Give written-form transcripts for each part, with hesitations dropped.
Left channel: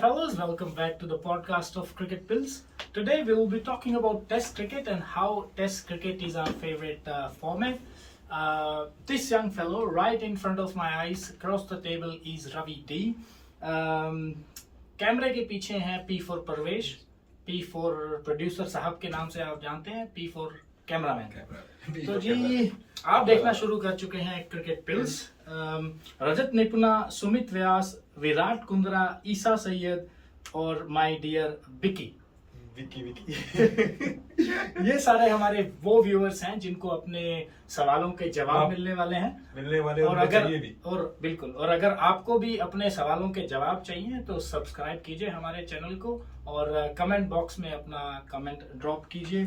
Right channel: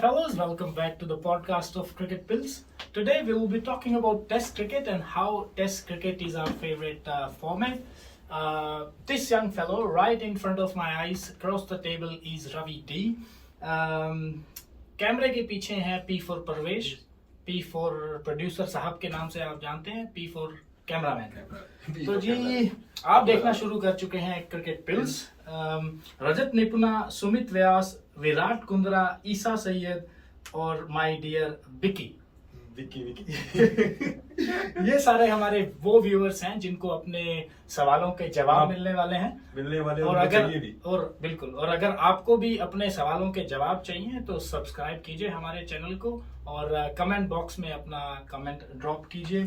fellows, welcome back to the podcast of Cricket Pills. Today we will be talking about Test cricket and how Test cricket is our favorite format. This young fellow right in front of my eyes across the table is Ravi D. कैमरे के पीछे हैं P for Parvesh, P for producer साहब के नाम से आप जानते हैं, P for कैमरामैन। तो जी आप देखना शुरू कर चुके हैं क्रिकेट पिल्स। रजत निपुणा, सुमित व्यास, विराट कुंद्रा, ईसा सैयद और माय डियर विकी ये सारे हमारे वो व्यूअर्स हैं जिनको अपने सवालों के जवाब मिलने वाले हैं और बिल्कुल, और अगर आपको भी अपने सवालों के जवाब चाहिए तो सब्सक्राइब कीजिए हमारे चैनल को और कमेंट बॉक्स में अपना कमेंट ड्रॉप कीजिए।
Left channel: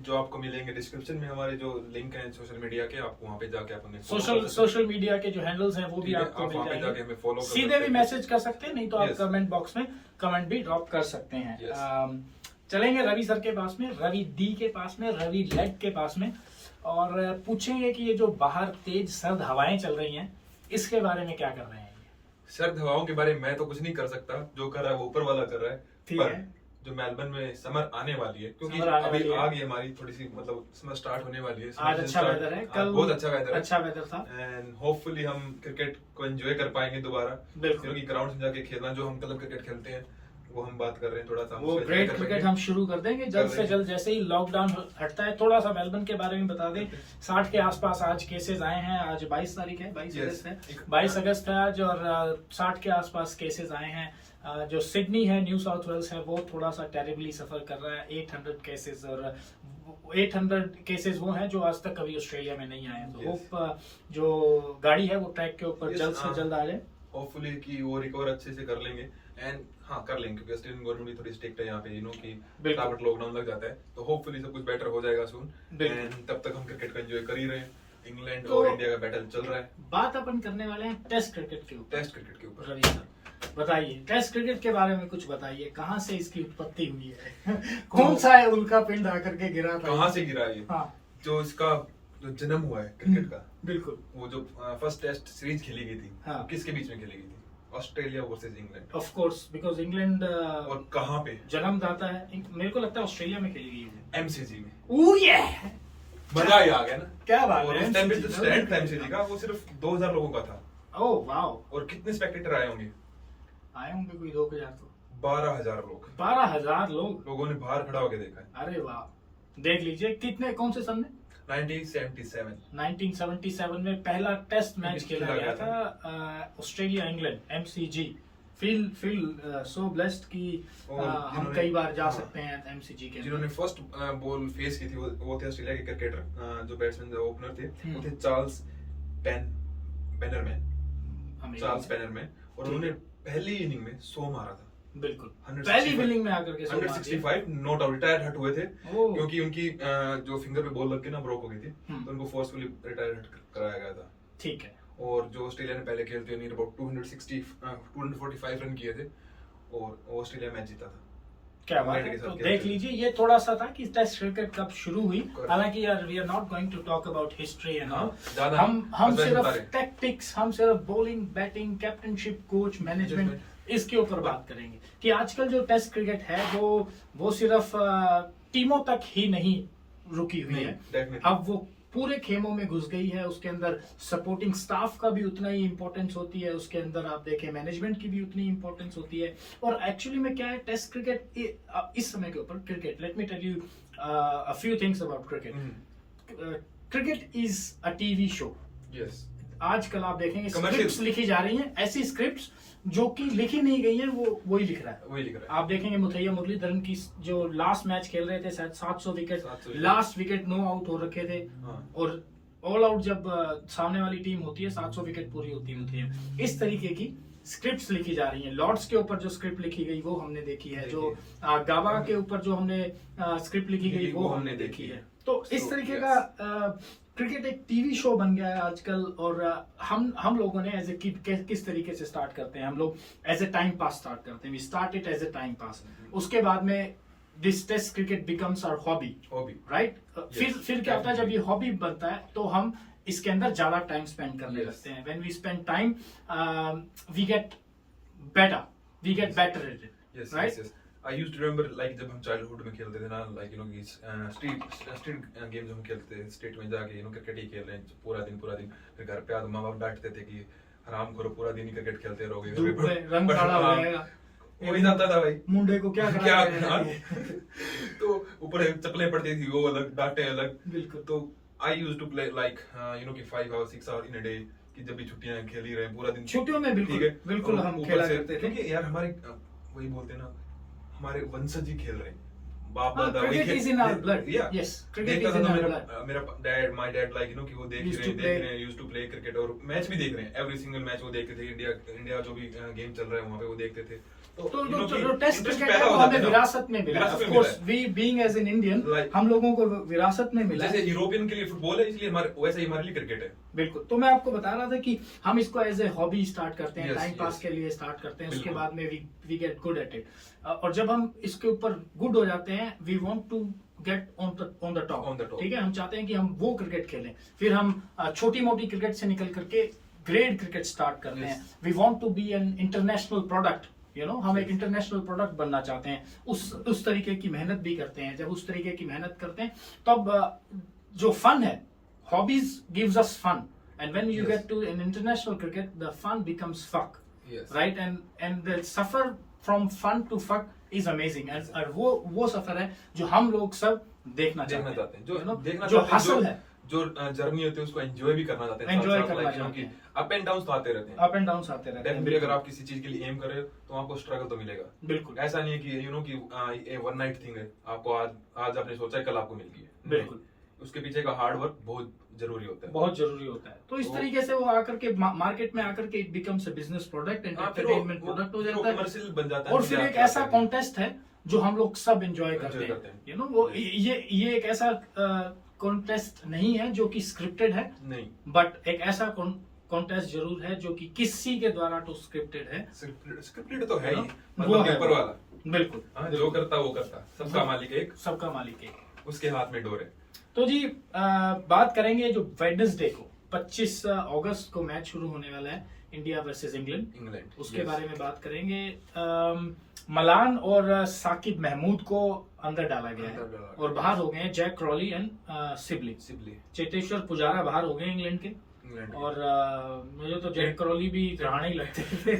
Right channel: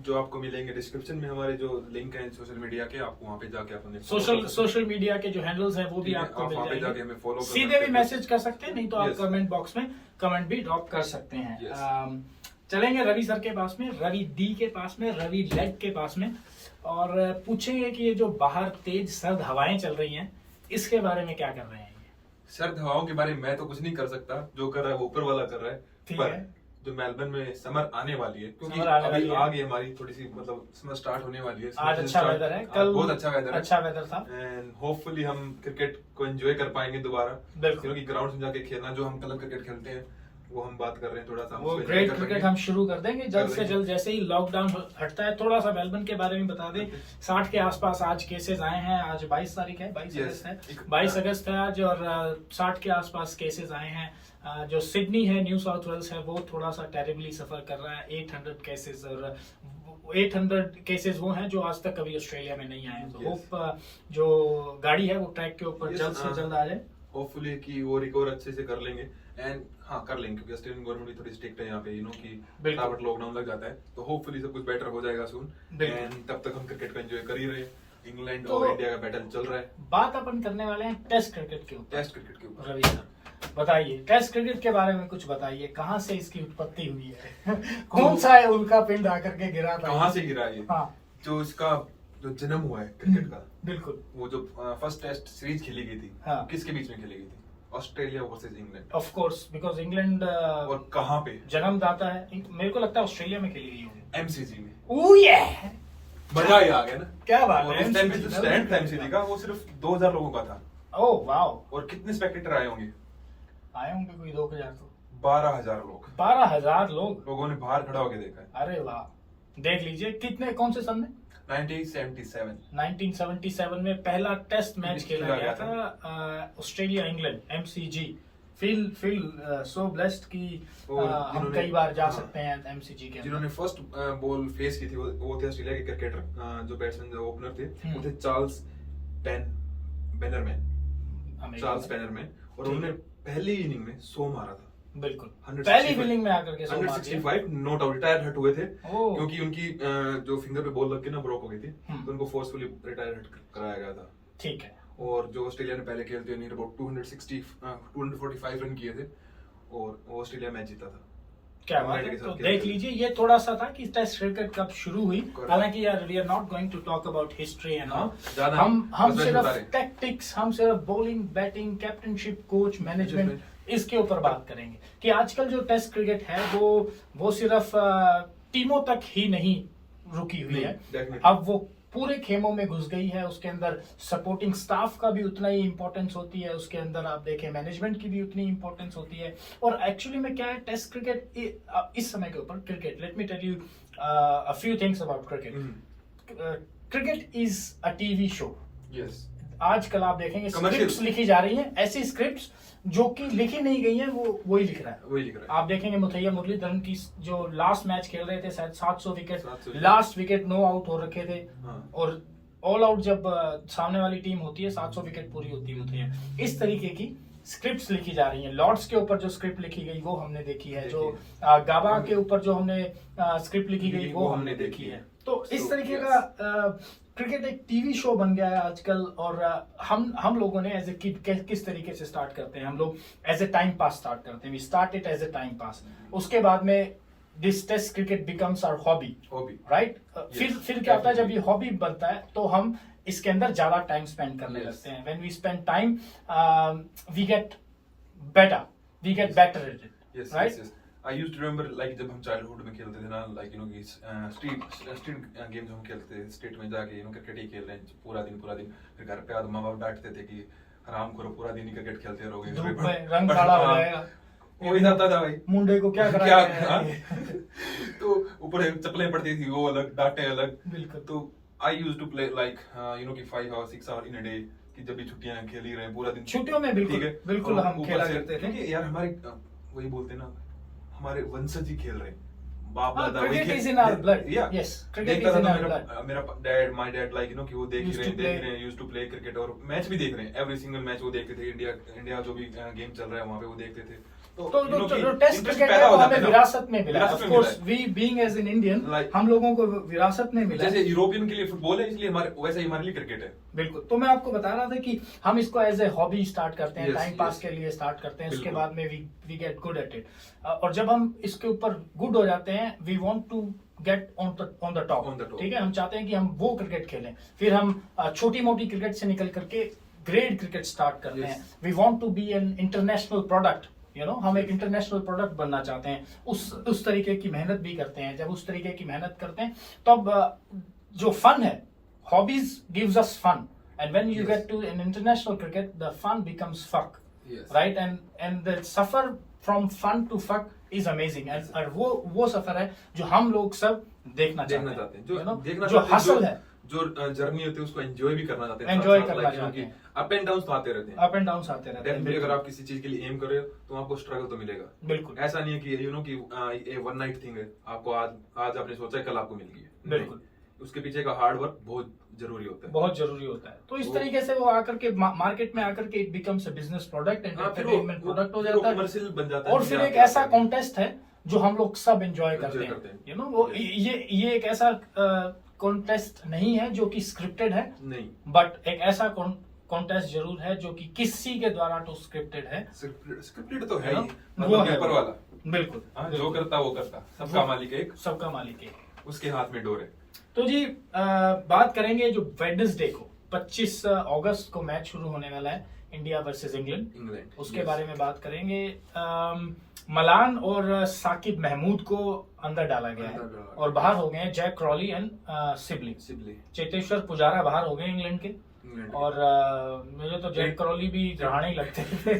जो आपको मिलेंगे डिस्क्रिप्शन में हमारे जो लिंक हैं सोशल मीडिया के, आपको वहाँ पे जाके अपने सोशल मीडिया के जो हैंडल्स हैं वो भी आपको मिल जाएंगे। सीधे भी मैसेज कर सकते हैं, नहीं तो आप कमेंट बॉक्स में कमेंट भी ड्रॉप कर सकते हैं। चलेंगे रवि सर के पास में, रवि डी के पास में, रवि लेग के पास में और पूछेंगे कि ये जो बाहर तेज सर्द हवाएं चल रही हैं इसके बारे में क्या कर रहे हैं। सर्द हवाओं के बारे में मैं तो कुछ नहीं कर सकता, जो कर रहा है वो ऊपर वाला कर रहा है। ठीक है, जो मेलबर्न में समर आने वाली है, क्योंकि अभी आ गई हमारी थोड़ी सी, मतलब समर स्टार्ट होने वाली है। आज अच्छा वेदर है, कल बहुत अच्छा वेदर था एंड होपफुली हम क्रिकेट को एंजॉय कर पाएंगे दोबारा, क्योंकि ग्राउंड में जाके खेलना, जो हम क्लब क्रिकेट खेलते हैं वो हम बात कर रहे हैं, थोड़ा सा वो ग्रेट क्रिकेट हम शुरू कर देंगे जल्द से जल्द, जैसे ही लॉकडाउन हटता है। थोड़ा सा मेलबर्न के बारे में बता दें, 60 के आसपास आज केसेस आए हैं। आज 22 तारीख है, 22 अगस्त है, 22 अगस्त है आज, और 60 के आसपास केसेस आए हैं। जो सिडनी है, न्यू साउथ वेल्स है, वो थोड़ा सा टेरिबली सफर कर रहा है, 800 केसेस, और 800 केसेस वो हैं जो आज तक कभी ऑस्ट्रेलिया में नहीं आए। तो होप जो गाड़ी है वो ट्रैक के ऊपर जल्द से जल्द आ जाए, होपफुली कि वो रिकवर अच्छे से कर लेंगे। एंड कर लेंगे, क्योंकि ऑस्ट्रेलियन गवर्नमेंट भी थोड़ी स्ट्रिक्ट है यहाँ पे, कि फटाफट लॉकडाउन लग जाता है, तो होपफुली सब कुछ बेटर हो जाएगा सून। एंड तब तक हम क्रिकेट का एंजॉय कर ही रहे हैं। इंग्लैंड और इंडिया का बैटल चल रहा है। बात अपन करने वाले हैं टेस्ट क्रिकेट के ऊपर। रवि सर बताइए, टेस्ट क्रिकेट के बारे में कुछ बताइए, कहाँ से इसकी उत्पत्ति हुई है कौन सा है उनका पिंड आकर के गिरा था, कहाँ से गिरा ये? जो इसका जो जन्म हुआ है क्रिकेट का, बिल्कुल, वो जो फर्स्ट टेस्ट सीरीज खेली गई थी, किसके बीच में खेली गई थी? Australia versus England. Of course, because England और कहाँ पे जन्मदाता है, मेरे को लगता है ऑस्ट्रेलिया में खेली गई होगी, एमसीजी में। ओह ये मजा ही आ गया ना, क्या बात है। इस टाइम पे जो स्टैंड था एमसीजी का वो सिर्फ 2000 लोगों का था। Oh wow. और कितने स्पेक्टेटर आए होंगे कोई 2000 तो 12000 लोग। 12000 लोगों ने बाहर खड़ा होकर देखा है। अरे वाह, देख लीजिए कितने, कौन से सन में? 1977 में पहला टेस्ट मैच खेला गया था Australia England, MCG. Feel so blessed कि हम कई बार जा सकते हैं एमसीजी के। जिन्होंने फर्स्ट बॉल फेस की थी वो थे ऑस्ट्रेलिया के क्रिकेटर, जो बैट्समैन, जो ओपनर थे, वो थे चार्ल्स बेनरमैन, और उन्होंने पहली इनिंग में 100 मारा था। बिल्कुल, पहली इनिंग में आकर के 165 नॉट आउट, रिटायर हट हुए थे, क्योंकि उनकी जो फिंगर पे बॉल लग के ना ब्रोक हो गई थी, तो उनको फोर्सफुली रिटायर कराया गया था। ठीक है। और जो ऑस्ट्रेलिया ने पहले खेलते हुए अबाउट 245 रन किए थे और ऑस्ट्रेलिया मैच जीता था। क्या बात है। तो देख लीजिए, ये थोड़ा सा था कि टेस्ट क्रिकेट कब शुरू हुई। हालांकि यार we are not going to talk about history and all, हम सिर्फ टैक्टिक्स, हम सिर्फ bowling, batting, captainship, coach, management, इसके ऊपर बात करेंगे कि आजकल जो टेस्ट क्रिकेट है वो सिर्फ टीमों तक ही नहीं रुकी हुई है, अब वो पूरे खेमों में घुस गई है। उसके अंदर सपोर्टिंग स्टाफ का भी उतना ही इंपॉर्टेंस होती है, उसके अंदर आप देखें मैनेजमेंट की भी उतनी इंपॉर्टेंस होती है। और एक्चुअली में क्या है, टेस्ट क्रिकेट इस समय के ऊपर cricket, let me tell you a few things about cricket. Cricket is a TV show. Yes, आजकल आप देखेंगे स्क्रिप्ट्स लिखी जा रही हैं, ऐसी स्क्रिप्ट्स जो कि लिखी नहीं गई है, वही लिख रहा है। आप देखेंगे मुथैया मुरलीधरन की जो लास्ट मैच खेल रहे थे, शायद 700 wicket, last wicket no out हो रखे थे, और ऑल आउट जब सामने वाली टीम होती है 700 विकेट पूरी होती है मुथैया। इस तरीके की स्क्रिप्ट्स लिखी जा रही हैं। लॉर्ड्स के ऊपर जो स्क्रिप्ट लिखी गई वो हमने देखी है, जो गाबा के ऊपर जो हमने स्क्रिप्ट लिखी गई वो हमने देखी है। तो इस तरीके का क्रिकेट एक टीवी शो बन गया है आजकल। और हम लोगों ने एज ए किस तरीके से स्टार्ट करते हैं, हम लोग as a time pass start करते हैं, we start it as a time pass. उसके बाद में this test cricket becomes our hobby, right. फिर क्या होता है, जब ये हॉबी बनता है तो हम इसके अंदर ज्यादा टाइम स्पेंड करने लगते हैं। When we spend time we get better we get better at it. Yes, right? yes, yes. I used to remember like जब हम चाइल्डहुड में खेलते थे ना, like you know कि स्ट्रीट गेम जो हम खेलते थे स्ट्रीट में जाके क्रिकेट ही खेल रहे हैं पूरा दिन फिर घर पे माँ बाप डांटते थे कि आराम करो पूरा दिन ही क्रिकेट खेलते रहोगे, धूप में रंग काला हो जाएगा, हो नहीं जाता था भाई, मुंडे को क्या क्या करा तो ऊपर चप्पलें पड़ती थी वो अलग, डांटे अलग। बिल्कुल। तो I used to play like कि 5 hours 6 hours in a day, कि जब भी छुट्टियां खेल ही रहे हैं पूरा दिन, छुट्टियों में बिल्कुल हम खेला करते थे, क्योंकि यार हमारी वही बोलते हैं ना, हमारे वंशज ही खेल रहे हैं, बाप दादा वही cricket is in our blood. Yes, cricket is in our blood. मेरा डैड माय डैड लाइक कि वो देख रहे हैं यूज्ड टू प्ले क्रिकेट, और मैच भी देख रहे हैं, एवरी सिंगल मैच वो देखते थे, इंडिया जो भी गेम चल रहा है वहां पे वो देखते थे। तो टेस्ट क्रिकेट है वो हमें विरासत में मिला, of course we being as an Indian हम लोगों को विरासत में मिला, जैसे यूरोपियन के लिए फुटबॉल है इसलिए वैसे ही हमारे लिए क्रिकेट है। बिल्कुल। तो मैं आपको बता रहा था कि हम इसको एज ए हॉबी स्टार्ट करते हैं, टाइम पास के लिए स्टार्ट करते हैं, उसके बाद में we get good at it, और जब हम इसके ऊपर गुड हो जाते हैं we want to get on the top, ठीक है, हम चाहते हैं कि हम वो क्रिकेट खेलें, फिर हम छोटी मोटी क्रिकेट से निकल करके ग्रेट क्रिकेट स्टार्ट करते हैं, we want to be an international product, हम एक इंटरनेशनल प्रोडक्ट बनना चाहते हैं, उस तरीके की मेहनत भी करते हैं। जब उस तरीके की मेहनत करते हैं तब जो फन है, hobbies gives us fun, and when you get to an international cricket the fun becomes fuck, right, and the सफर from fun to fuck is amazing, और वो सफर है जो हम लोग सब देखना चाहते हैं, जो हासिल है, जो जर्नी होती है उसको एंजॉय भी करना चाहते हैं, एंजॉय करना चाहते हैं, अप एंड डाउन आते रहते हैं, अप एंड डाउन आते रहते हैं। डेफिनेटली अगर आप किसी चीज के लिए एम कर रहे हो तो आपको स्ट्रगल तो मिलेगा, बिल्कुल, ऐसा नहीं है कि कि ये वन नाइट थिंग है, आपको आज आपने सोचा है कल आपको मिल गई है, बिल्कुल, उसके पीछे का हार्ड वर्क बहुत जरूरी होता है, बहुत जरूरी होता है। तो इस तरीके से वो आकर के मार्केट में आकर के it becomes a business product, entertainment product हो जाता है, कमर्शियल बन जाता है, और फिर एक ऐसा कॉन्टेस्ट है जो हम लोग सब एंजॉय करते हैं, वो ये एक ऐसा कॉन्टेस्ट नहीं है जो कि स्क्रिप्टेड है, नहीं, बट एक ऐसा कॉन्टेस्ट जरूर है जो कि किसी के द्वारा तो स्क्रिप्टेड है, स्क्रिप्टेड तो है ही, वो है ऊपर वाला, बिल्कुल, जो करता वो करता, सबका मालिक एक, सबका मालिक एक, उसके हाथ में डोर है। तो जी बात करेंगे जो वेडनेसडे को 25 अगस्त को मैच शुरू होने वाला है, इंडिया वर्सेस इंग्लैंड, उसके बारे में बात करेंगे। मलान और साकिब महमूद को अंदर डाला गया है और बाहर हो गए हैं Jack Crawley and Sibley, Cheteshwar Pujara बाहर हो गए इंग्लैंड के, और मुझे तो जैक क्रॉली भी रहाने ही लगते थे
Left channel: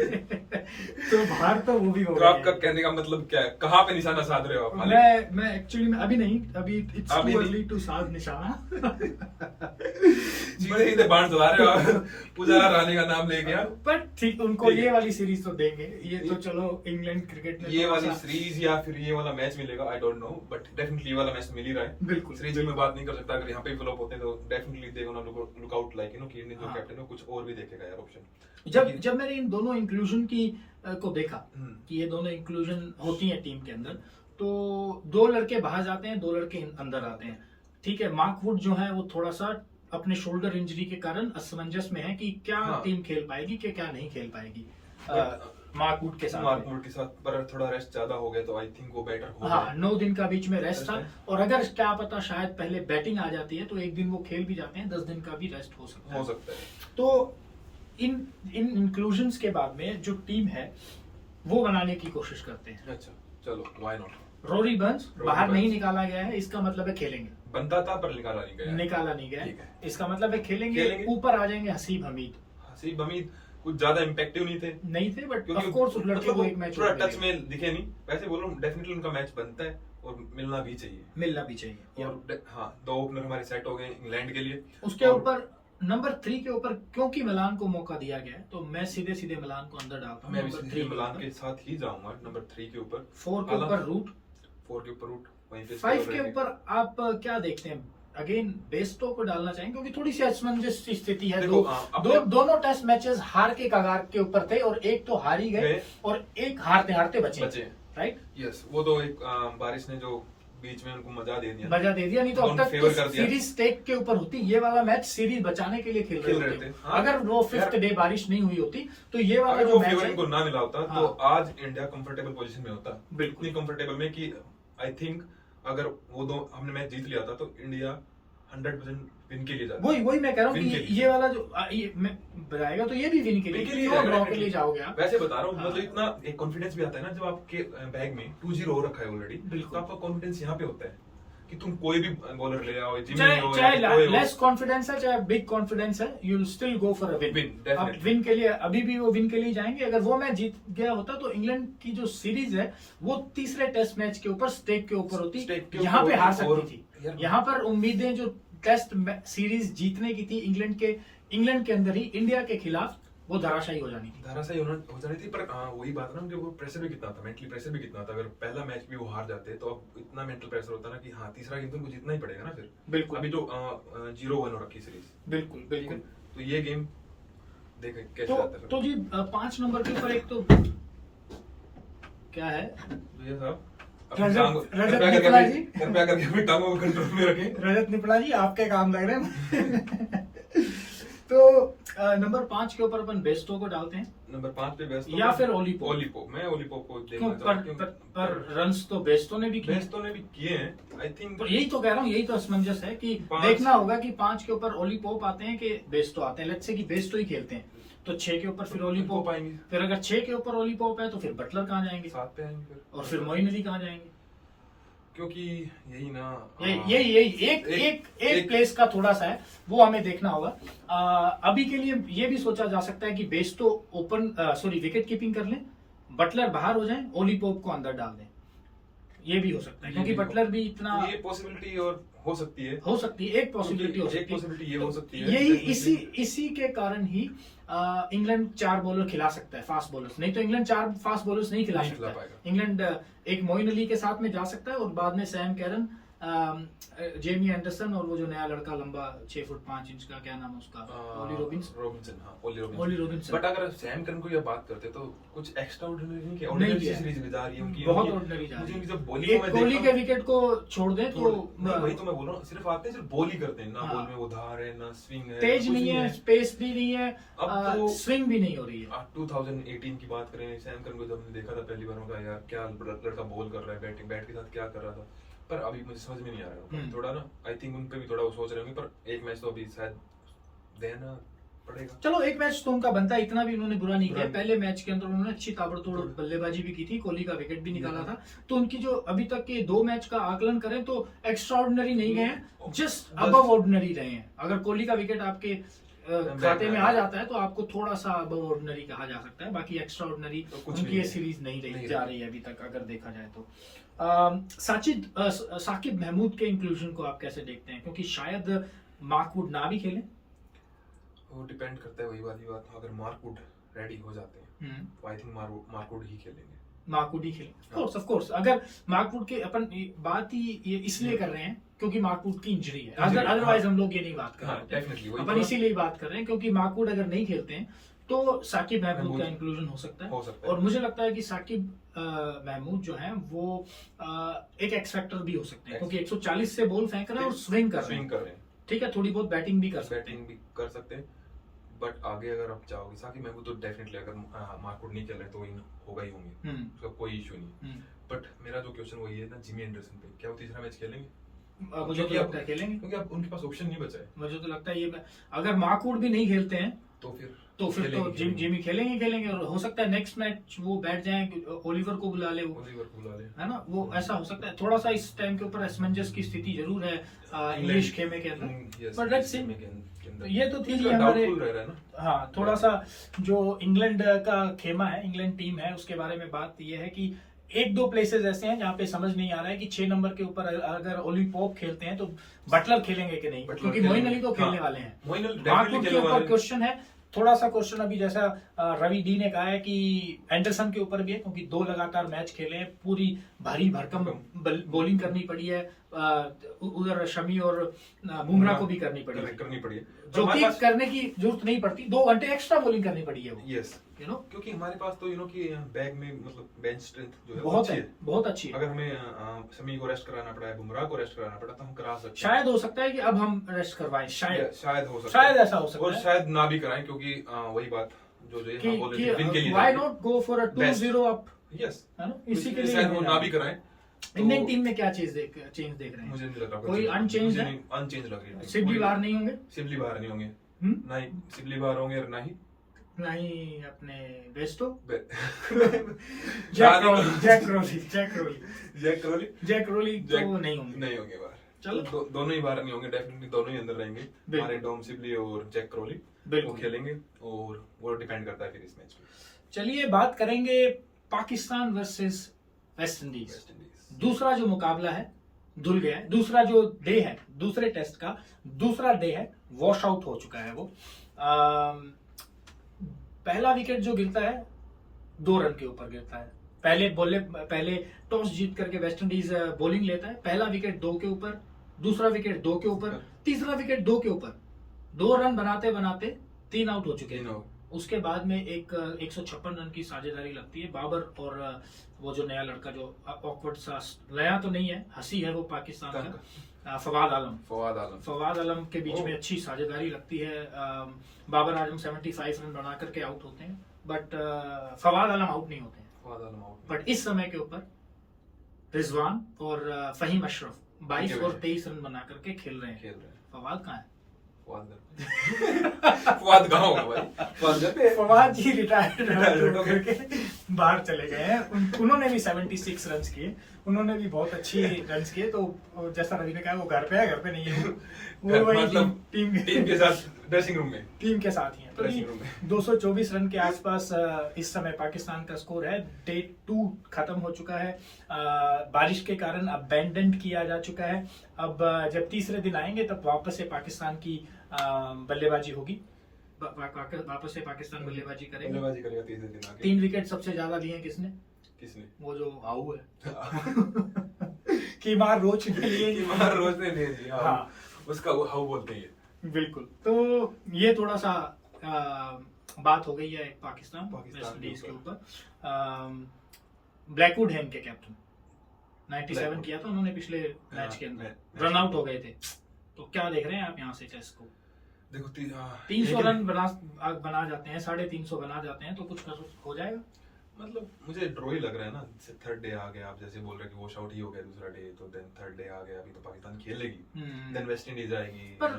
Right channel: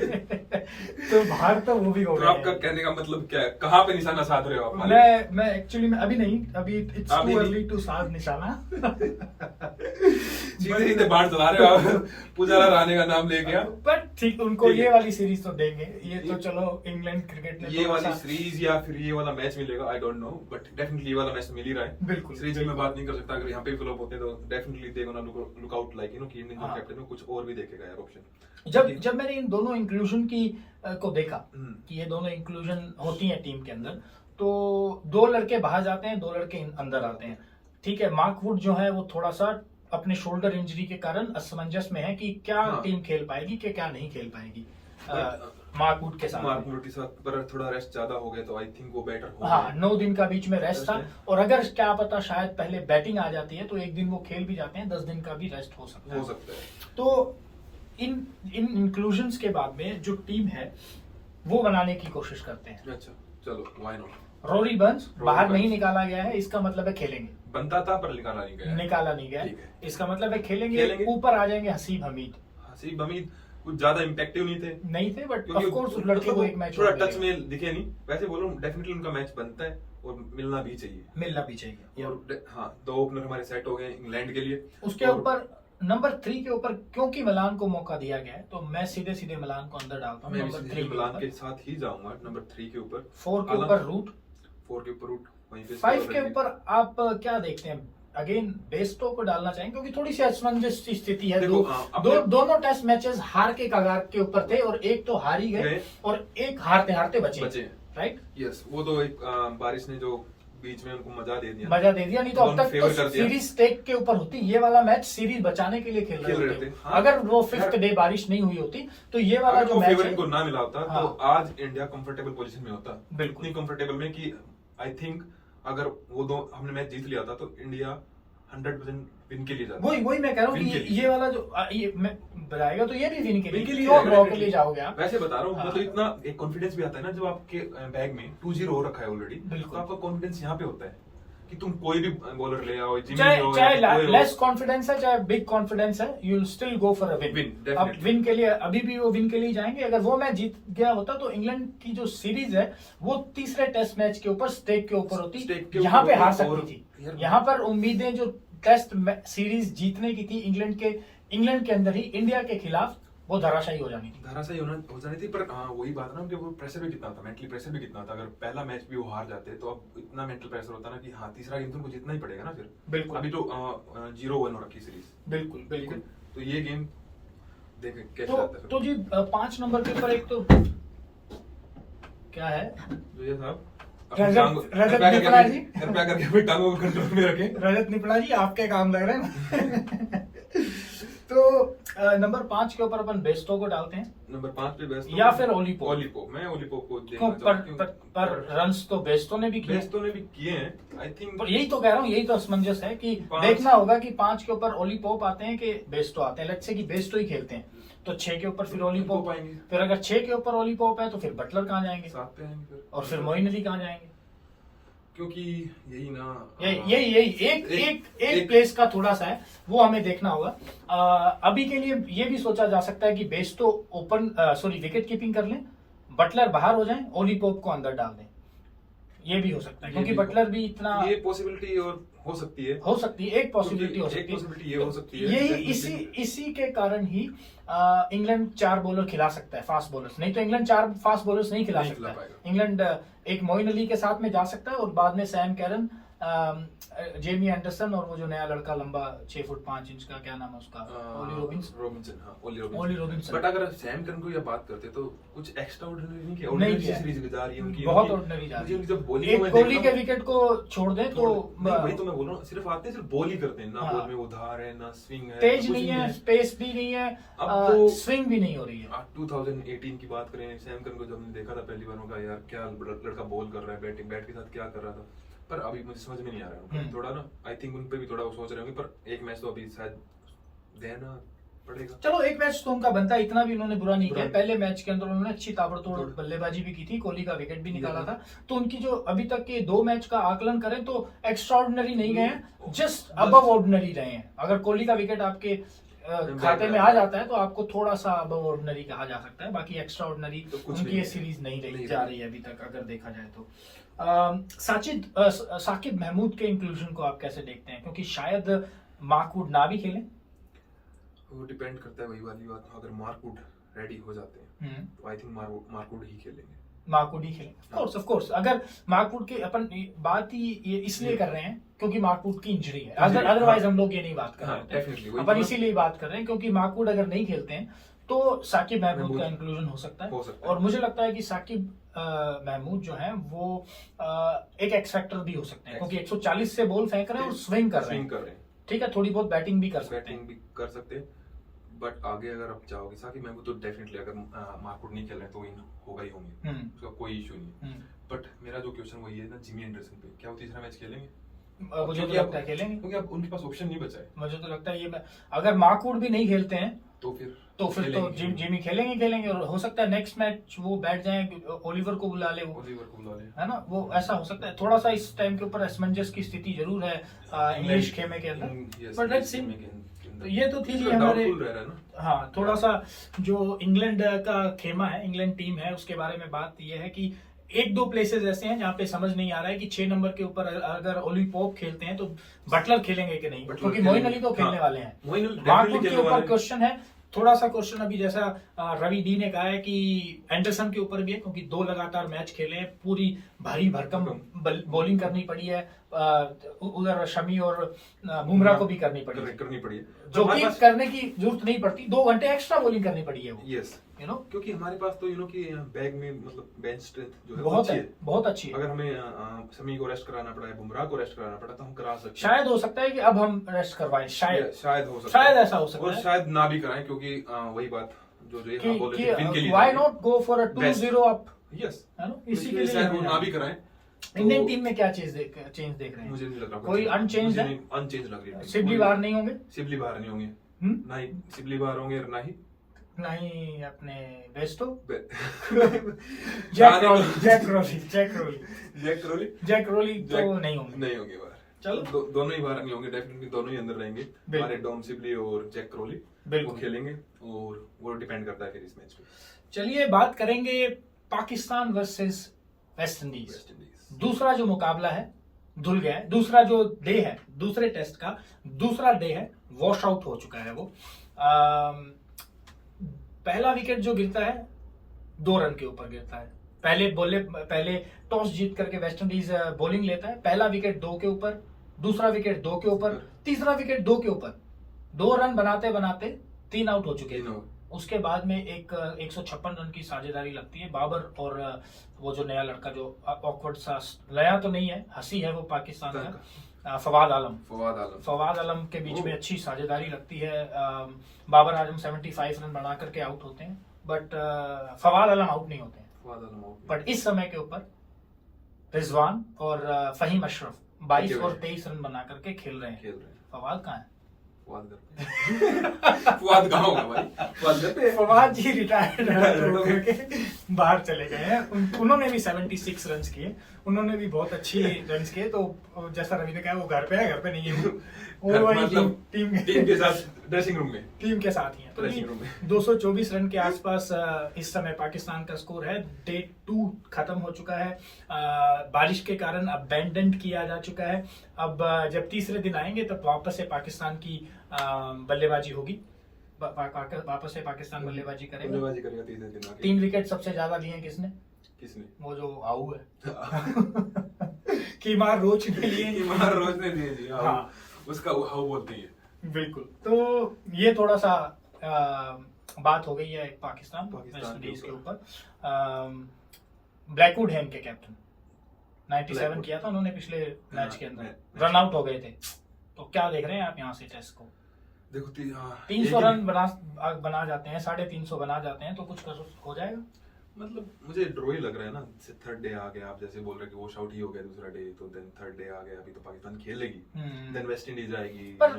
तो बाहर तो वो भी हो गए। आपका कहने का मतलब क्या है, कहाँ पे निशाना साध रहे हो आप? मैं एक्चुअली अभी नहीं, अभी इट्स टू अर्ली टू साध निशाना सीधे बाढ़ चला रहे हो आप, पुजारा राणे का नाम ले गया, बट ठीक, उनको ये वाली सीरीज तो देंगे, ये तो चलो इंग्लैंड क्रिकेट ने ये वाली सीरीज या फिर ये वाला मैच मिलेगा, I don't know, but definitely ये वाला मैच मिल ही रहा है, बिल्कुल, सीरीज में बात नहीं कर सकता, अगर यहाँ पे फ्लॉप होते हैं तो definitely they gonna look out, like कि इंडियन जो कैप्टन है कुछ और भी देखेगा यार ऑप्शन। जब मैंने इन दोनों इंक्लूजन की को देखा कि ये दोनों इंक्लूजन होती है टीम के अंदर, तो 2 लड़के बाहर जाते हैं, 2 लड़के अंदर आते हैं, ठीक है। मार्क वुड जो है वो थोड़ा सा अपने शोल्डर इंजरी के कारण असमंजस में है कि क्या टीम खेल पाएगी कि क्या नहीं खेल पाएगी मार्क वुड के साथ पर थोड़ा रेस्ट ज्यादा हो गया तो आई थिंक वो बेटर हो, हाँ 9 दिन का बीच में रेस्ट था, और अगर क्या पता शायद पहले बैटिंग आ जाती है तो एक दिन वो खेल भी जाते हैं, 10 दिन का भी रेस्ट हो सकता है। तो इन इंक्लूजन्स के बाद में जो टीम है वो बनाने की कोशिश करते हैं। अच्छा चलो, व्हाई नॉट। रोरी बर्न्स बाहर नहीं निकाला गया है, इसका मतलब है खेलेंगे, बनता था पर निकाला नहीं गया, इसका मतलब है खेलेंगे। ऊपर आ जाएंगे हसीब हमीद, कुछ ज्यादा इम्पैक्टिव नहीं थे, बट ऑफ कोर्स उस लड़के को एक मैच थोड़ा टच में दिखे नहीं, वैसे बोलूं डेफिनेटली उनका मैच बनता है और मिलना भी चाहिए, और हाँ 2 ओपनर हमारे सेट हो गए इंग्लैंड के लिए। उसके ऊपर नंबर 3 के ऊपर क्योंकि मिलान को मौका दिया गया है तो मैं सीधे मिलान को अंदर डालता हूँ, नंबर 3 मिलान के साथ ही जाऊंगा, नंबर 3 के ऊपर, 4 के ऊपर रूट, 5 के ऊपर आप क्या देखते हैं? अगेन बेस्टो को डालना चाहेंगे क्योंकि थोड़ी सी असमंजस की स्थिति है, दोनों टेस्ट मैचेस हार के कगार के ऊपर थे, और एक तो हार ही गए और एक हारते बचे, राइट? यस, वो तो एक बारिश ने जो बीच में उनको मजा दे दिया, नहीं तो अब तक तो सीरीज टेक के ऊपर होती, ये वाला मैच सीरीज बचाने के लिए खेल रहे थे। अगर वो 5th डे बारिश नहीं हुई होती तो ये वाला जो मैच फेवर इनको ना मिला होता तो आज इंडिया कंफर्टेबल पोजीशन में होता, बिल्कुल कंफर्टेबल में कि आई थिंक अगर वो 2 हमने मैच जीत लिया होता तो इंडिया 100% विन के लिए जाता है। वही मैं कह रहा हूँ कि ये वाला जो ये मैं बताएगा तो ये भी विन के लिए, क्यों ड्रॉ के लिए जाओगे आप? वैसे बता रहा हूँ, मतलब इतना एक कॉन्फिडेंस भी आता है ना जब आपके बैग में 2-0 हो रखा है ऑलरेडी, तो आपका कॉन्फिडेंस यहाँ पे होता है कि तुम कोई भी बॉलर ले आओ, चाहे लेस कॉन्फिडेंस है चाहे बिग कॉन्फिडेंस है, you will still go for a win. अब विन के लिए अभी भी वो विन के लिए जाएंगे। अगर वो मैच जीत गया होता तो इंग्लैंड की जो सीरीज है वो तीसरे टेस्ट मैच के ऊपर स्टेक के ऊपर होती, यहाँ पे हार सकती थी। यहाँ पर उम्मीदें जो टेस्ट सीरीज जीतने की थी इंग्लैंड के अंदर ही इंडिया के खिलाफ, वो धराशायी हो जानी थी। पर हाँ वही बात है ना, उनके वो प्रेशर भी कितना था, मेंटली प्रेशर भी कितना था। अगर पहला मैच भी वो हार जाते तो अब इतना मेंटल प्रेशर होता ना कि हाँ तीसरा गेम तो उनको जीतना ही पड़ेगा ना फिर। बिल्कुल। अभी तो 0-1 हो रखी सीरीज। बिल्कुल। तो ये गेम देखें कैसे जाता है। तो जी 5 नंबर के ऊपर एक तो क्या है विजय साहब, रजत निपला जी, कृपया करके अपनी टांगों को कंट्रोल में रखें। रजत निपला जी आपके काम लग रहे हैं। तो नंबर 5 के ऊपर अपन बेस्टो को डालते हैं। नंबर 5 पे बेस्टो या फिर ओलीपोप। मैं ओलीपोप को देखना चाहता हूं। पर रन्स तो बेस्टो ने भी किए हैं आई थिंक। यही तो कह रहा हूँ, यही तो असमंजस है कि देखना होगा कि 5 के ऊपर ओलीपोप आते हैं कि बेस्टो आते हैं। लेट्स से कि बेस्टो ही खेलते हैं तो 6 के ऊपर फिर ओलीपोप आएंगे। फिर अगर 6 के ऊपर ओलीपोप है तो फिर बटलर कहाँ जाएंगे? 7 पे आएंगे और फिर मोइन अली कहाँ जाएंगे? क्योंकि यही ना यही एक प्लेस का थोड़ा सा है, वो हमें देखना होगा। अभी के लिए ये भी सोचा जा सकता है कि बेस्टो विकेट कीपिंग कर लें, बटलर बाहर हो जाए, ओलीपोप को अंदर डाल दें। ये भी हो सकता है क्योंकि बटलर भी इतना, ये पॉसिबिलिटी और हो सकती है एक पॉसिबिलिटी हो सकती है। यही इसी के कारण ही इंग्लैंड 4 बॉलर खिला सकता है, फास्ट बॉलर्स। नहीं तो इंग्लैंड 4 फास्ट बॉलर्स नहीं खिला सकता है। इंग्लैंड एक मोइन अली के साथ में जा सकता है और बाद में सैम कैरन, जेमी एंडरसन और वो जो नया लड़का लंबा 6 फुट 5 इंच का, क्या नाम है उसका, ओली रॉबिन्सन। बट अगर सैम करन को ये बात करते तो कुछ एक्स्ट्रा ऑर्डिनरी नहीं किया, ऑर्डिनरी सीरीज जा रही है उनकी, बहुत ऑर्डिनरी जा रही है। जब बॉलिंग में कोहली के विकेट को छोड़ दें तो वही तो मैं बोल रहा हूं, सिर्फ आते हैं सिर्फ बॉल ही करते हैं ना, बॉल में उधार है ना स्विंग है, तेज नहीं है, स्पेस भी नहीं है, अब तो स्विंग भी नहीं हो रही है। 2018 की बात करें, सैम करन को जब हमने देखा था पहली बार, उनका यार क्या लड़का बॉल कर रहा है, बैट के साथ क्या कर रहा था, पर अभी मुझे समझ में नहीं आ रहा है थोड़ा ना। आई थिंक उन पे भी थोड़ा वो सोच रहे होंगे, पर एक मैच तो अभी शायद देना पड़ेगा। चलो एक मैच तो उनका बनता, इतना भी उन्होंने बुरा नहीं किया। पहले मैच के अंदर उन्होंने अच्छी ताबड़तोड़ बल्लेबाजी भी की थी, कोहली का विकेट भी निकाला था। तो उनकी जो अभी तक के 2 मैच का आकलन करें तो एक्स्ट्रा ऑर्डिनरी नहीं गए, जस्ट अबव ऑर्डिनरी रहे हैं। अगर कोहली का विकेट आपके खाते में आ जाता है तो आपको थोड़ा सा अबव ऑर्डिनरी कहा जा सकता है। बाकी एक्स्ट्रा ऑर्डिनरी उनकी ये सीरीज नहीं जा रही है अभी तक, अगर देखा जाए तो। साकिब महमूद के इंक्लूजन को आप कैसे देखते हैं? क्योंकि शायद मार्कवुड ना भी खेलें। वो डिपेंड करता है, वही वाली बात। अगर मार्कवुड रेडी हो जाते हैं तो आई थिंक मार्कवुड ही खेलेंगे। ऑफ कोर्स अगर मार्कवुड की अपन बात ही ये इसलिए कर रहे हैं क्योंकि मार्कवुड की इंजरी है, अदरवाइज हम लोग ये नहीं बात कर रहे हैं। अपन इसीलिए बात कर रहे हैं क्योंकि मार्कवुड अगर नहीं खेलते हैं तो साकिब महमूद का इंक्लूजन हो सकता है। और मुझे लगता है कि साकिब महमूद जो है वो एक एक्स फैक्टर भी हो सकते हैं, क्योंकि 140 से बॉल फेंक रहे हैं और स्विंग कर रहे हैं। ठीक है, थोड़ी बहुत बैटिंग भी कर सकते हैं। बट आगे अगर आप जाओगे, साकिब महमूद तो डेफिनेटली, अगर मार्कवुड नहीं खेल रहे तो वही होगा ही होंगे, उसका कोई इशू नहीं। बट मेरा जो क्वेश्चन वही है ना, जिमी एंडरसन पे, क्या वो तीसरा मैच खेलेंगे? मुझे तो लगता है खेलेंगे, क्योंकि अब उनके पास ऑप्शन नहीं बचा है। मुझे तो लगता है ये अगर मार्कवुड भी नहीं खेलते हैं तो फिर तो जिमी खेलेंगे। और हो सकता है नेक्स्ट मैच वो बैठ जाए, ओलिवर को बुला ले, है ना, वो ऐसा हो सकता है। थोड़ा सा इस टाइम के ऊपर असमंजस की स्थिति जरूर है इंग्लिश खेमे के अंदर, बट लेट्स सी। ये तो थी हमारे, हाँ, थोड़ा सा जो इंग्लैंड का खेमा है, इंग्लैंड टीम है, उसके बारे में बात ये है कि 1-2 प्लेसेस ऐसे हैं जहाँ पे समझ नहीं आ रहा है कि 6 नंबर के ऊपर अगर ओलीपोप खेलते हैं तो बटलर खेलेंगे कि नहीं, क्योंकि मोइन अली तो खेलने वाले हैं। मार्कवुड के ऊपर क्वेश्चन है, थोड़ा सा क्वेश्चन अभी, जैसा रवि डी ने कहा है कि एंडरसन के ऊपर भी है, क्योंकि 2 लगातार मैच खेले हैं, पूरी भारी भरकम बॉलिंग करनी पड़ी है, उधर शमी और बुमराह को भी करनी पड़ी है, जो कि करने की जरूरत नहीं पड़ती। 2 घंटे एक्स्ट्रा बॉलिंग करनी पड़ी है वो, यू नो, क्योंकि हमारे पास तो कि बैग में मतलब बेंच स्ट्रेंथ जो है बहुत अच्छी है। अगर हमें शमी को रेस्ट कराना पड़ा है, बुमराह को रेस्ट कराना पड़ा, तो हम करा सकते हैं। शायद हो सकता है कि अब हम रेस्ट करवाएं, शायद ऐसा हो सकता है, और शायद ना भी कराएं, क्योंकि वही बात जो हम बोल रहे थे, why not go for a 2-0 up, yes, है ना, इसी के लिए शायद वो ना भी कराएं। इंडियन टीम में क्या चेंज देख रहे हैं? मुझे नहीं लग रहा कोई अनचेंज है, अनचेंज लग रही है। सिबली बाहर नहीं होंगे, सिबली बाहर नहीं होंगे, ना ही सिबली बाहर होंगे, ना ही अपने बेस्टो जैक रोली तो नहीं होंगे बाहर। चलो दोनों ही बाहर नहीं होंगे, डेफिनेटली दोनों ही अंदर रहेंगे। हमारे डोम सिबली और जैक क्रोली वो खेलेंगे और वो डिपेंड करता है फिर इस मैच पे। चलिए बात करेंगे पाकिस्तान वर्सेस वेस्ट इंडीज। दूसरा जो मुकाबला है धुल गया है, दूसरा जो डे है, दूसरे टेस्ट का दूसरा डे है, वॉश आउट हो चुका है वो। पहला विकेट जो गिरता है 2 रन के ऊपर गिरता है। पहले टॉस जीत करके वेस्ट इंडीज बॉलिंग लेता है, पहला विकेट 2 के ऊपर, दूसरा विकेट 2 के ऊपर, तीसरा विकेट 2 के ऊपर। 2 रन बनाते बनाते 3 आउट हो चुके हैं। उसके बाद में एक 156 रन की साझेदारी लगती है बाबर और वो जो नया लड़का जो ऑकवर्ड सा, नया तो नहीं है, हंसी है वो पाकिस्तान का, फवाद आलम के बीच में अच्छी साझेदारी लगती है। बाबर आजम 75 रन बना करके आउट होते हैं, बट फवाद आलम आउट नहीं होते हैं। बट इस समय के ऊपर रिजवान और फहीम अशरफ 22 और 23 रन बना करके खेल रहे हैं। फवाद कहाँ है? फवाद कहाँ होगा भाई? फवाद जी रिटायर्ड बाहर चले गए हैं। उन्होंने भी 76 रन किए, उन्होंने भी बहुत अच्छी रन किए। तो जैसा रवि ने कहा वो घर पे नहीं है, वो मतलब टीम के साथ ड्रेसिंग रूम में, टीम के साथ ही है। तो 224 रन के आसपास इस समय पाकिस्तान का स्कोर है। डे 2 खत्म हो चुका है, बारिश के कारण अबैंडन किया जा चुका है। अब जब तीसरे दिन आएंगे तब वापस से पाकिस्तान की बल्लेबाजी होगी, वापस से पाकिस्तान बल्लेबाजी करेगा तीसरे दिन। 3 विकेट सबसे ज्यादा लिए किसने? वो जो आऊ है कीमार रोच ने लिए। हाँ, उसका हाउ बोलते हैं। बिल्कुल। तो ये थोड़ा सा बात हो गई है पाकिस्तान वेस्ट इंडीज के ऊपर। ब्लैकवुड है इनके कैप्टन, 97 किया था उन्होंने पिछले मैच के अंदर, रन आउट हो गए थे। तो क्या देख रहे हैं आप यहाँ से टेस्ट को? देखो 300 रन बना जाते हैं, 350 बना जाते हैं, तो कुछ हो जाएगा। मतलब मुझे ड्रॉ ही लग रहा है ना। थर्ड डे आ गया, आप जैसे बोल रहे कि वॉश आउट ही हो गया दूसरा डे, तो देन थर्ड डे आ गया, अभी तो पाकिस्तान खेलेगी, देन वेस्ट इंडीज आएगी। पर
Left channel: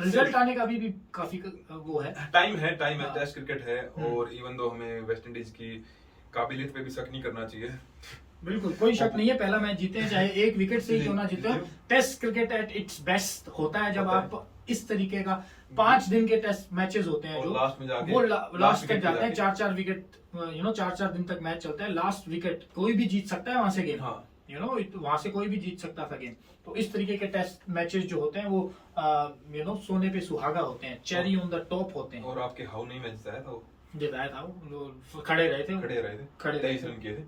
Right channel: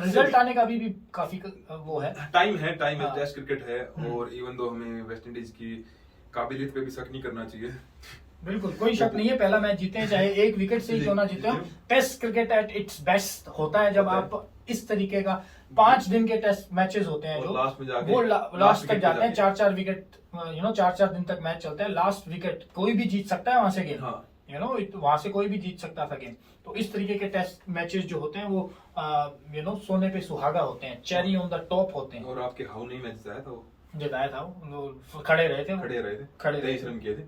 रिजल्ट आने का भी काफी वो है, टाइम है, टेस्ट क्रिकेट है। और इवन दो हमें वेस्ट इंडीज की काबिलियत पे भी शक नहीं करना चाहिए। बिल्कुल कोई शक नहीं है, पहला मैच जीते हैं चाहे 1 विकेट से ही क्यों ना जीते हो। Test cricket at its best होता है जब आप इस तरीके का 5 दिन के टेस्ट मैचेस होते हैं जो वो लास्ट तक जाते हैं, 4-4 विकेट, 4-4 दिन तक मैच चलता है। लास्ट विकेट कोई भी जीत सकता है वहां से गेम, वहां से कोई भी जीत सकता था गेम। तो इस तरीके के टेस्ट मैचेस जो होते हैं वो सोने पे सुहागा होते हैं, चेरी ऑन द टॉप होते हैं। और आपके हाउ नहीं मैच जिताया था वो खड़े रहे थे 23 रन किए थे।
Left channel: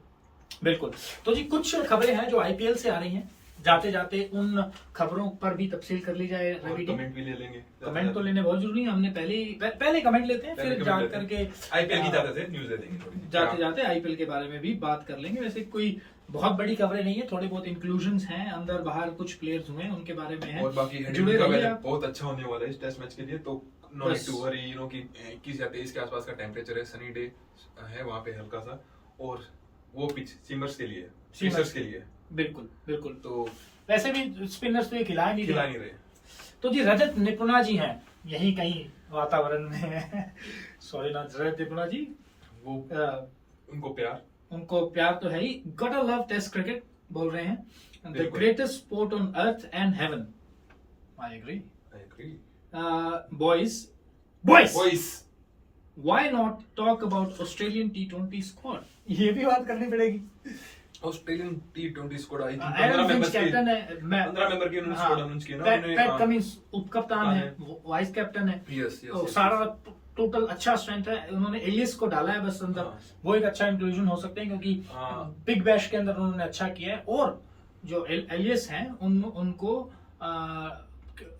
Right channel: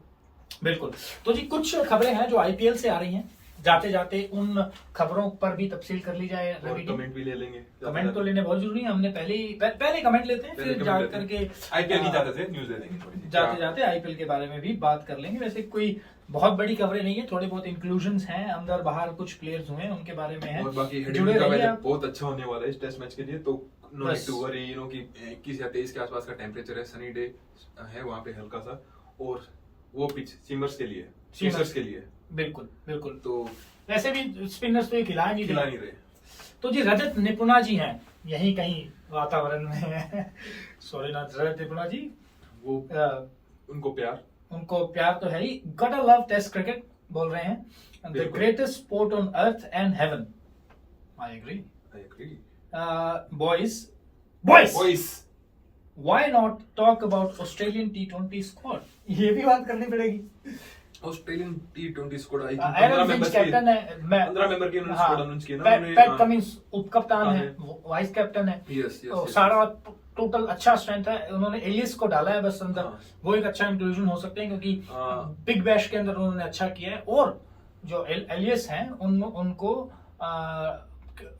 बिल्कुल। तो जी कुछ खबरें हैं जो आईपीएल से आ रही हैं, जाते जाते उन खबरों पर भी तफसील कर ली जाए। कमेंट भी ले लेंगे, कमेंट तो लेने बहुत जरूरी है। हमने पहले कमेंट लेते हैं, फिर जा करके आईपीएल की न्यूज़ दे देंगे, जाते जाते आईपीएल के बारे में भी बात कर लेंगे। वैसे कोई बहुत बड़ी खबरें नहीं है, थोड़े बहुत इंक्लूजन्स हैं, अंदर बाहर कुछ प्लेयर्स हुए उनके बारे में है। और बाकी जुड़े रहिए, बहुत अच्छा होने वाला है इस टेस्ट मैच के लिए। तो नो नीड टू वरी, कि 21 या 23 के आसपास का टेम्परेचर है, सनी डे है वहाँ पे हल्का सा, और वो पिच सीमर्स के लिए बिल्कुल। तो ऐसे भी स्पिनर्स तो ये खिला नहीं रहे। तो जी रजत निपुणा जी हैं, यही कहीं वातावरण में है। सॉरी ना रजत निपुणा जी, वो उनको प्यार तो है ही। Got a love test cricket बोल रहे हैं, the greatest sport on earth and heaven. I agree. Boys why not talk about Australian T20 squad? ये भी बात करनी पड़ेगी। Australian T20 squad I think 15 member captain है, 15 मेंबर की उन्होंने स्क्वाड अनाउंस की ना। पैट कमिंस उपकप्तान है, वाइस कैप्टन है। तो सारा टोटल अच्छा स्ट्रेंथ है। उन्होंने एलियस को डाला है बस अंदर, वो एक अच्छा इंक्लूजन हो सकते हैं क्योंकि बिग बैश के अंदर उन्होंने अच्छा किया है। और जो एलियस हैं उनको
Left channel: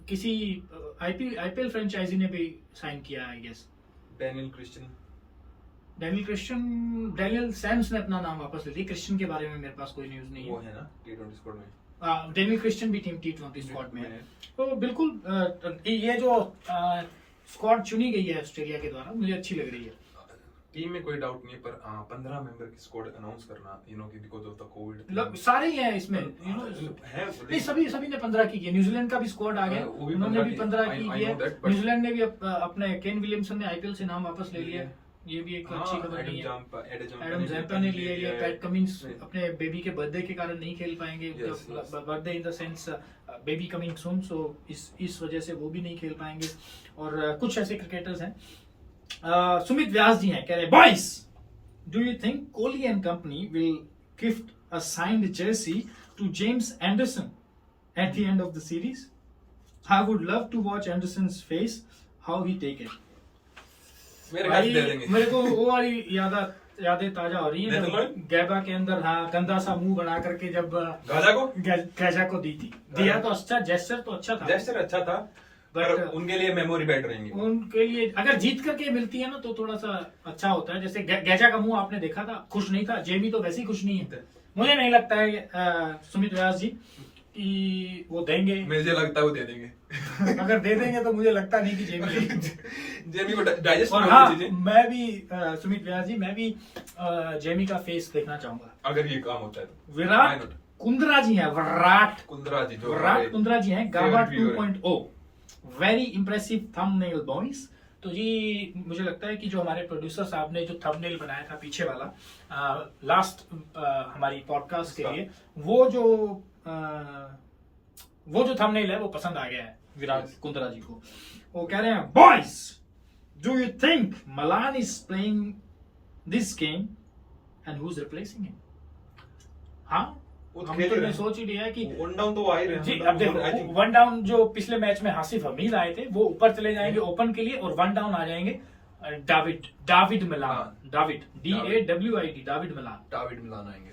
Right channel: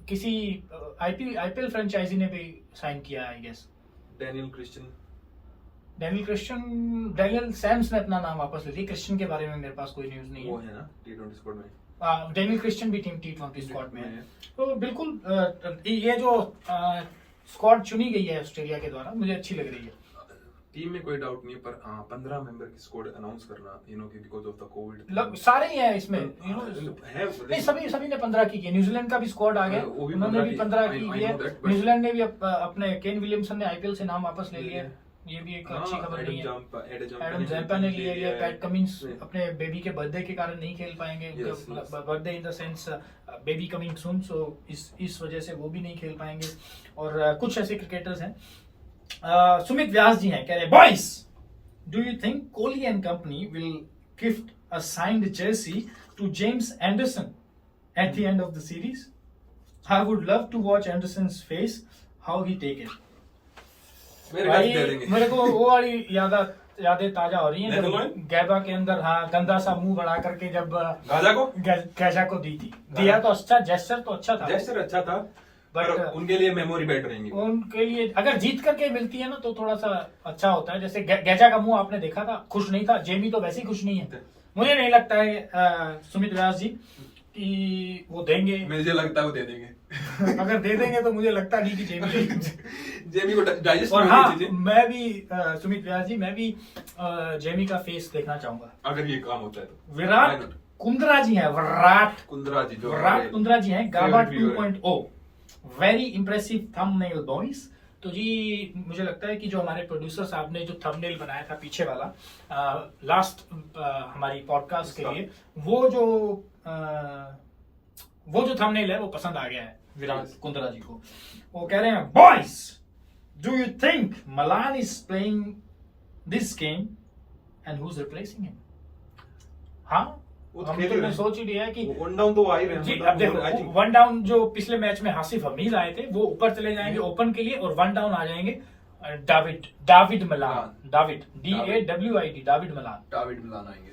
किसी आईपीएल फ्रेंचाइजी ने भी साइन किया है, आई गेस। डेनियल सैम्स ने अपना नाम वापस ले लिया। क्रिश्चियन के बारे में मेरे पास कोई न्यूज नहीं है। वो है ना T20 स्क्वाड में, डेनियल क्रिश्चियन भी T20 स्क्वाड में है। तो बिल्कुल ये जो स्क्वाड चुनी गई है ऑस्ट्रेलिया के द्वारा, मुझे अच्छी लग रही है। टीम में कोई डाउट नहीं है, पर 15 मेंबर की स्क्वाड अनाउंस करना, यू नो, कि बिकॉज ऑफ द कोविड सारे ही हैं इसमें, यू नो, नहीं सभी ने 15 की न्यूजीलैंड का भी स्क्वाड आ गया, उन्होंने भी 15 की किया। न्यूजीलैंड ने भी अपने केन विलियमसन ने आईपीएल से नाम वापस ले लिया, ये भी एक अच्छी खबर नहीं है। एडम जैम्पा ने ले लिया, पैट कमिंस अपने बेबी के बर्थडे के कारण नहीं खेल पाएंगे, birthday in the sense baby coming soon, so इस वजह से वो भी नहीं खेल पाएंगे। और कुछ ऐसे क्रिकेटर्स हैं, सुमित व्यास जी हैं, कह रहे boys, do you think Kohli and company will gift a signed jersey to James Anderson at the end of the series? I would love to watch Anderson's face, how he take it. मेरे को वो वाली यादें ताजा हो रही हैं जब गैबा के अंदर गंदा सा मुंह बना करके जब गाजा को दी थी, दिया तो अच्छा, जेस्चर तो अच्छा था, बट उनके लिए मेमोरी बैठ रहेंगी। उनके लिए अगर जीत करके मिलती है ना तो थोड़ा सा अच्छा होता है। जैसे गैजा का मुंह आपने देखा था, खुश नहीं था, जेमी तो वैसे ही खुश नहीं है। मुझे नहीं लगता है सुमित व्यास जी कि वो देंगे, मुझे लगता है वो दे देंगे। अगर दे देंगे तो मुझे लगता नहीं कि जेमी को डाइजेस्ट और हाँ, मैं भी सुमित व्यास जी, मैं भी जेमी का फेस देखना चाहूंगा अगर ये काम होता है तो। विराट कुंद्रा जी हैं, विराट कुंद्रा जी हैं, गाबा 2.0, वेरी इंप्रेसिव थंबनेल बॉयज। तो जी मुझे लगता है कि जो हमारे प्रोड्यूसर साहब ने जो थंबनेल बनाया था पीछे वाला लास्ट हमारी पॉडकास्ट के लिए, वो जो थंबनेल है वो पसंद आ गया है विराट कुंद्रा जी को। वो कह रहे हैं boys, do you think Malan is playing this game and who is replacing him? हाँ, हम तो सोच ही लिया कि वन डाउन तो आ ही रहे जी। अब देखो, वन डाउन जो पिछले मैच में हासिफ हमीद आए थे वो ऊपर चले जाएंगे ओपन के लिए, और वन डाउन आ जाएंगे Dawid Malan, Dawid DAWID, Dawid Malan आएंगे।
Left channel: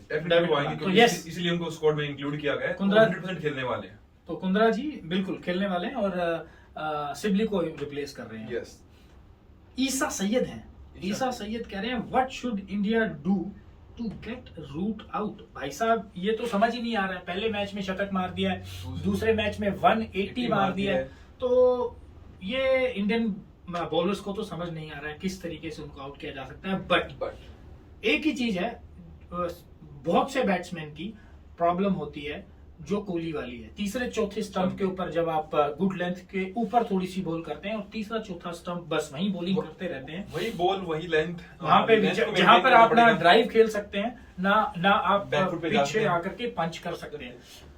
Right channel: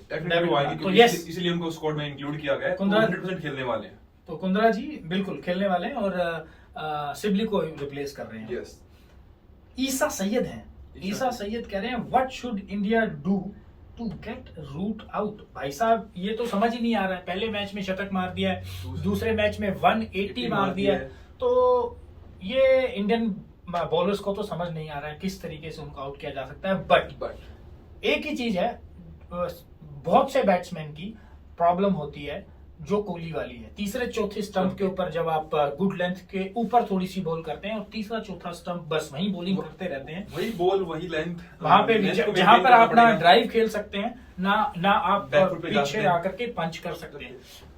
तो यस, इसलिए उनको स्क्वाड में इंक्लूड किया गया है। 100% खेलने वाले हैं, तो कुंद्रा जी बिल्कुल खेलने वाले हैं और सिबली को रिप्लेस कर रहे हैं। यस, ईसा सैयद हैं, ईसा सैयद कह रहे हैं what should India do to get Root out? भाई साहब, ये तो समझ ही नहीं आ रहा है। पहले मैच में शतक मार दिया है, दूसरे मैच में 180 मार दिया है, तो ये इंडियन बॉलर्स को तो समझ नहीं आ रहा है किस तरीके से उनको आउट किया जा सकता है। बट एक ही चीज है, बहुत से बैट्समैन की प्रॉब्लम होती है जो कोहली वाली है, तीसरे चौथे स्टंप के ऊपर जब आप गुड लेंथ के ऊपर थोड़ी सी बॉल करते हैं और तीसरा चौथा स्टंप बस वहीं बॉलिंग करते रहते हैं, वही बॉल वही लेंथ, वहां पे जहां पर आप ना ड्राइव खेल सकते हैं ना आप पीछे आकर के पंच कर सकते हैं।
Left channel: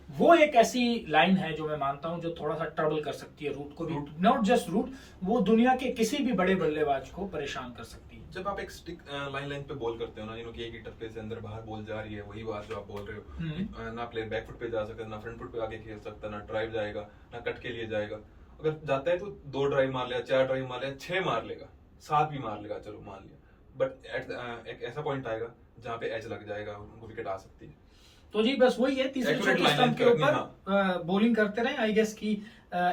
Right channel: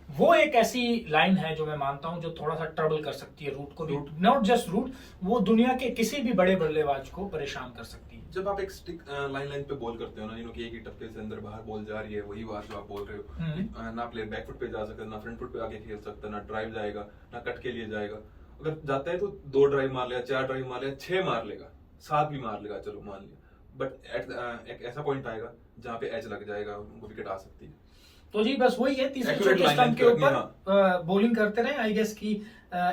वो एक ऐसी लाइन है जो मैं मानता हूं जो थोड़ा सा ट्रबल कर सकती है रूट को भी, नॉट जस्ट रूट, वो दुनिया के किसी भी बड़े बल्लेबाज को परेशान कर सकती है। जब आप एक स्टिक लाइन पे बॉल करते हो ना, कि एक ही टप्पे से अंदर बाहर बॉल जा रही है, वही बात जो आप बोल रहे हो, ना प्लेयर बैक फुट पे जा सकता, ना फ्रंट फुट पे आके खेल सकता, ना ड्राइव जाएगा, ना कट के लिए जाएगा। अगर जाता है तो 2 ड्राइव मार लेगा, 4 ड्राइव मार लेगा, 6 मार लेगा, 7 भी मार लेगा, चलो मान लिया। बट एक ऐसा पॉइंट आएगा जहाँ पे एज लग जाएगा, उनको विकेट आ सकती है। तो जी बस वही है, तीसरे चौथे स्टंप के ऊपर बॉलिंग करते रहे। आई गेस कि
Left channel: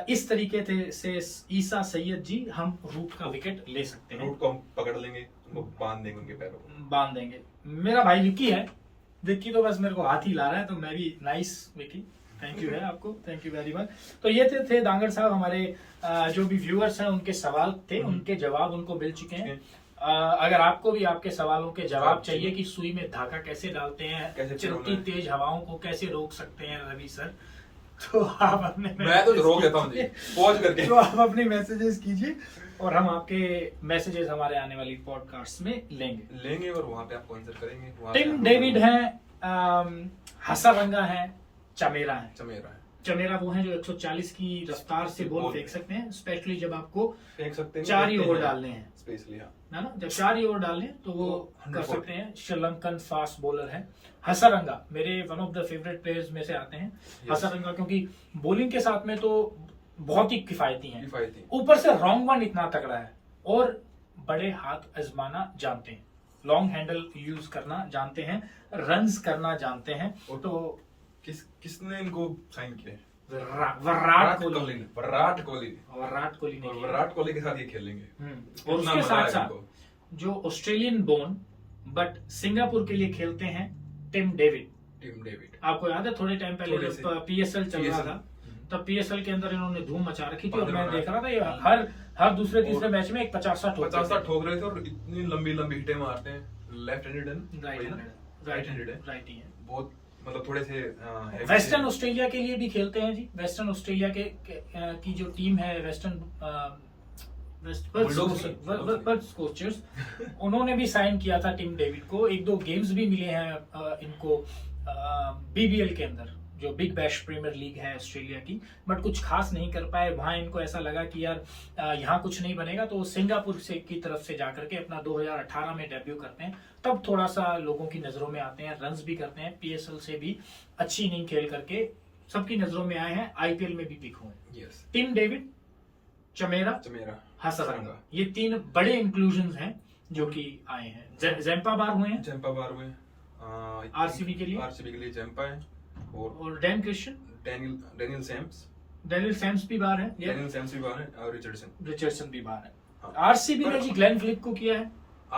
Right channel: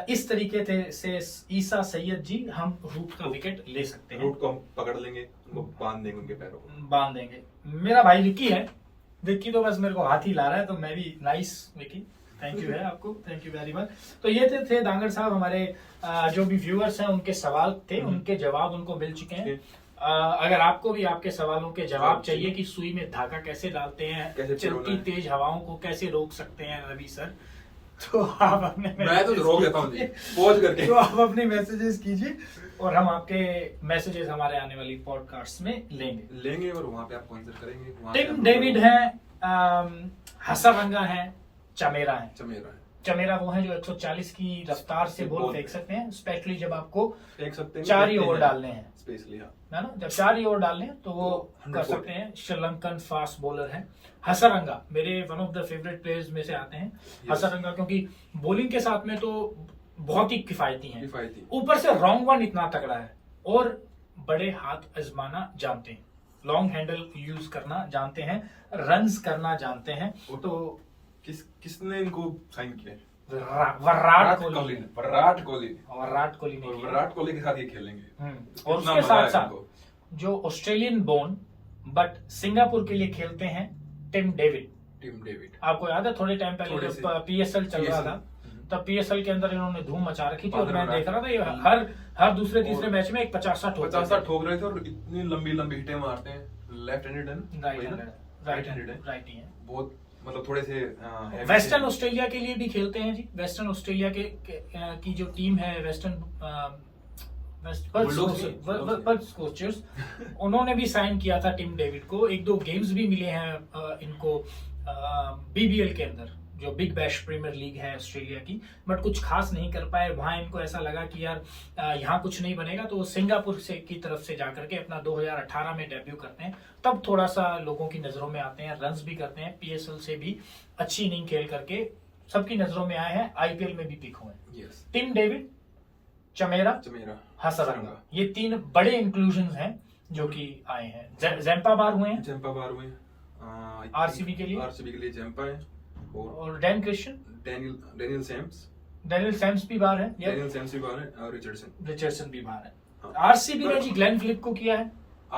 इस तरीके से ईसा सैयद जी हम रूट का विकेट ले सकते हैं। रूट को हम पकड़ लेंगे, उनको बांध देंगे, उनके पैरों को बांध देंगे। मेरा भाई विक्की है, विक्की तो बस मेरे को हाथ ही ला रहा है, तो मैं भी नाइस विक्की, थैंक यू है आपको, थैंक यू वेरी मच। तो ये थे दांगड़ साहब, हमारे जो भी व्यूअर्स हैं उनके सवाल थे, उनके जवाब उनको मिल चुके हैं। अगर आपको भी आपके सवालों के जवाब चाहिए कि सुई में धागा कैसे डालते हैं, चलती तेज हवाओं को कैसे रोक सकते हैं रवि सर, तो आप अपने मैं तो रोक देता हूं जी, पॉज करके, तो आप अपने मैसेजेस कीजिए और हम आपके मैसेजेस हमारे आने वाली पॉडकास्ट में लेंगे और वहां पे आपको आंसर करेंगे। टिम डेविड है, हसरंगा है, चमेरा वो है जो 140 की रफ्तार से बॉल फेंक सकते हैं, स्पेशली जब आपको फेंक सकते हैं 4 ही ओवर डालने हैं, स्पेशली है ना, जब 4 ही ओवर डालने हैं तो वो कर सकते हैं। श्रीलंकन फास्ट बॉलर है हसरंगा, मेरे one of the favourite players में से आते हैं हसरंगा, क्योंकि बॉलिंग के साथ में तो बहुत ही किफायती हैं, ऊपर से रॉन्ग वन इतना तगड़ा है और बड़े हाथ आजमाना जानते हैं, लॉन्ग हैंडल यूज करना जानते हैं, रन्स करना जानते हैं। तो किसने इनको साइन किया? विराट कोहली के साथ ये खेलेंगे। और उसके साथ साथ जो ऑस्ट्रेलियन बोर्न बट सिंगापुर के लिए खेलते हैं टिम डेविड। आपको याद है थोड़े टाइम पहले जब PSL चल रहा था तब पीएसएल के अंदर इन्होंने धूम मचा रखी थी और मैं देख रहा था ये हर दूसरे तीसरे मैच में एक 50 ठोक रहे थे और इतनी लंबी लंबी हिटें मारते हैं। लेफ्ट हैंडेड है, राइट ही है। बहुत मतलब थोड़े से वेस्टर्न ऑस्ट्रेलिया के लिए भी खेलते हैं जी। वेस्टर्न ऑस्ट्रेलिया की जो टीम है वेस्टर्न कोचर्स उन्होंने भी साइन किया था टिम डेविड को। 1-2 गेम्स भी मिले हैं इनको बीबीएल के अंदर, जो बिग बैश प्रीमियर लीग है ऑस्ट्रेलिया की, बट कुछ खास नहीं कर पाए। वहां इनको ऐसा लगा कि यार यहाँ कुछ नहीं बनेगा, तो सिंगापुर से की तरफ से जाकर के अपना 2018 में डेब्यू करते हैं। तब थोड़ा सा लोगों की नजरों में आते हैं, रन्स भी करते हैं, पीएसएल से भी अच्छी इनिंग खेल करके सबकी नजरों में आए हैं, आईपीएल में भी पिक हुए। टिम डेविड, चमेरा, हसरंगा, ये 3 बड़े इंक्लूजन हैं जो कि आए हैं। जैम्पा बार हुए हैं आरसीबी के लिए जैम्पा है और डेनियल सैम्स भी बाहर है, और रिचर्डसन भी बाहर है। आरसीबी ने जी ग्लेन फिलिप को किया है,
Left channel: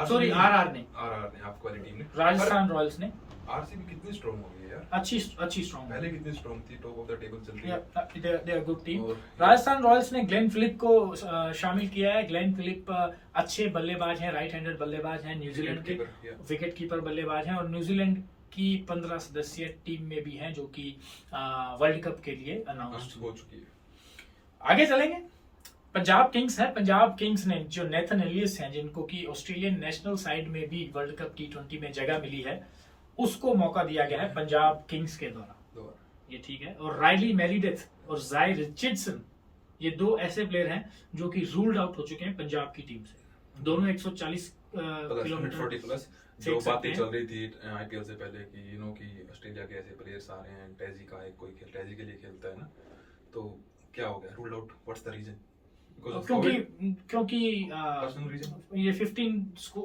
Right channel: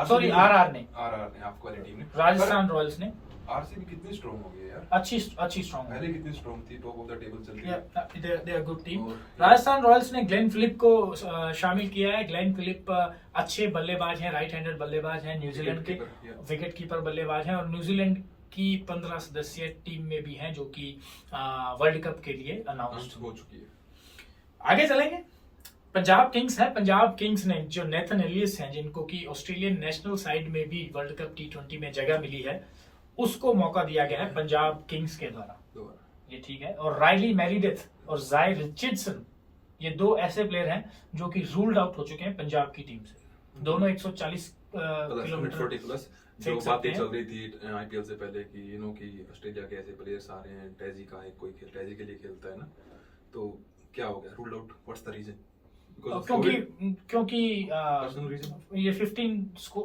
सॉरी आरआर ने आपको वाली टीम ने, राजस्थान रॉयल्स ने। आरसीबी कितनी स्ट्रांग हो गई यार, अच्छी स्ट्रांग है। पहले कितनी स्ट्रांग थी, टॉप ऑफ द टेबल चल रही है, they are good team. Rajasthan Royals ने ग्लेन फिलिप को शामिल किया है। ग्लेन फिलिप अच्छे बल्लेबाज हैं, राइट हैंडेड बल्लेबाज हैं, न्यूजीलैंड के विकेट कीपर बल्लेबाज हैं और न्यूजीलैंड की 15 सदस्यीय टीम में भी हैं जो कि वर्ल्ड कप के लिए अनाउंस हो चुकी है। आगे चलेंगे, पंजाब किंग्स है। पंजाब किंग्स ने जो नेथन एलियस हैं, जिनको कि ऑस्ट्रेलियन नेशनल साइड में भी वर्ल्ड कप T20 में जगह मिली है, उसको मौका दिया गया है पंजाब किंग्स के द्वारा, ये ठीक है। और राइली मेरिडेथ और जाय रिचर्डसन, ये 2 ऐसे प्लेयर हैं जो कि रूल्ड आउट हो चुके हैं पंजाब की टीम से। दोनों 140 किलोमीटर प्लस जो बातें चल रही थी आईपीएल से पहले कि कि ऑस्ट्रेलिया के ऐसे प्लेयर्स आ रहे हैं, टैजी का है, कोई टैजी के लिए खेलता है ना, तो क्या हो गया, ruled out, what's the reason? क्योंकि ये 15